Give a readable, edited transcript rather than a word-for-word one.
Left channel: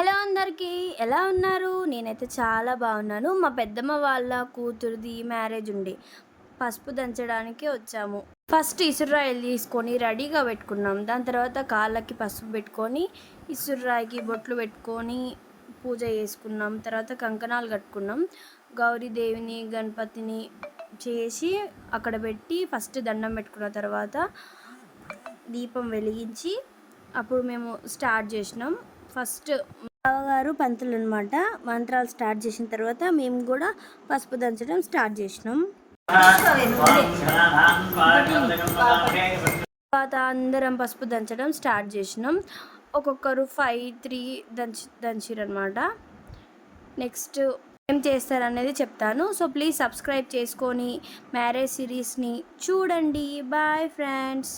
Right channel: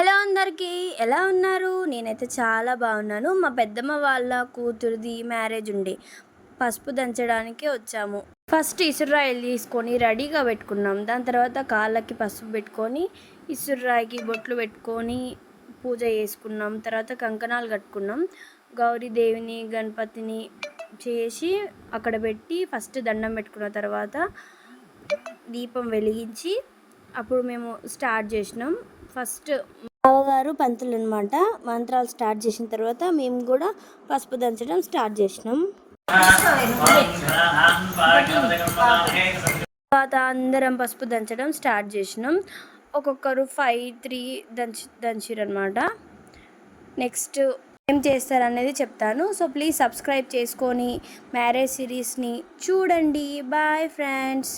Hello అందరికీ, ఎలా ఉన్నారు? నేనైతే చాలా బాగున్నాను. మా పెద్దమ్మ వాళ్ళ కూతురిది మ్యారేజ్ ఉండే పసుపు దంచడానికి వచ్చాము. ఫస్ట్ ఇసురాయిలు తీసుకొని రెడీగా పెట్టుకున్నాం. దాని తర్వాత కాళ్ళకి పసుపు పెట్టుకొని ఇసురాయికి బొట్లు పెట్టుకొని పూజ చేసుకున్నాం. తర్వాత కంకణాలు కట్టుకున్నాం. గౌరీదేవిని గణపతిని చేసి అక్కడ పెట్టి ఫస్ట్ దండం పెట్టుకున్న తర్వాత దీపం వెలిగించి అప్పుడు మేము స్టార్ట్ చేసినాం. ఫస్ట్ బావగారు పంతులు అనమాట. మంత్రాలు స్టార్ట్ చేసిన తర్వాత మేము కూడా పసుపు దంచడం స్టార్ట్ చేసినాం. తర్వాత అందరం పసుపు దంచడం స్టార్ట్ చేసినాం. ఒక్కొక్కరు 5-3 దంచిరనమాట. నెక్స్ట్ ఏం చేస్తారనేది చెప్తాను. సో ప్లీజ్ సబ్స్క్రైబ్ చేసుకొని మ్యారేజ్ సిరీస్ని చూడండి. Bye friends.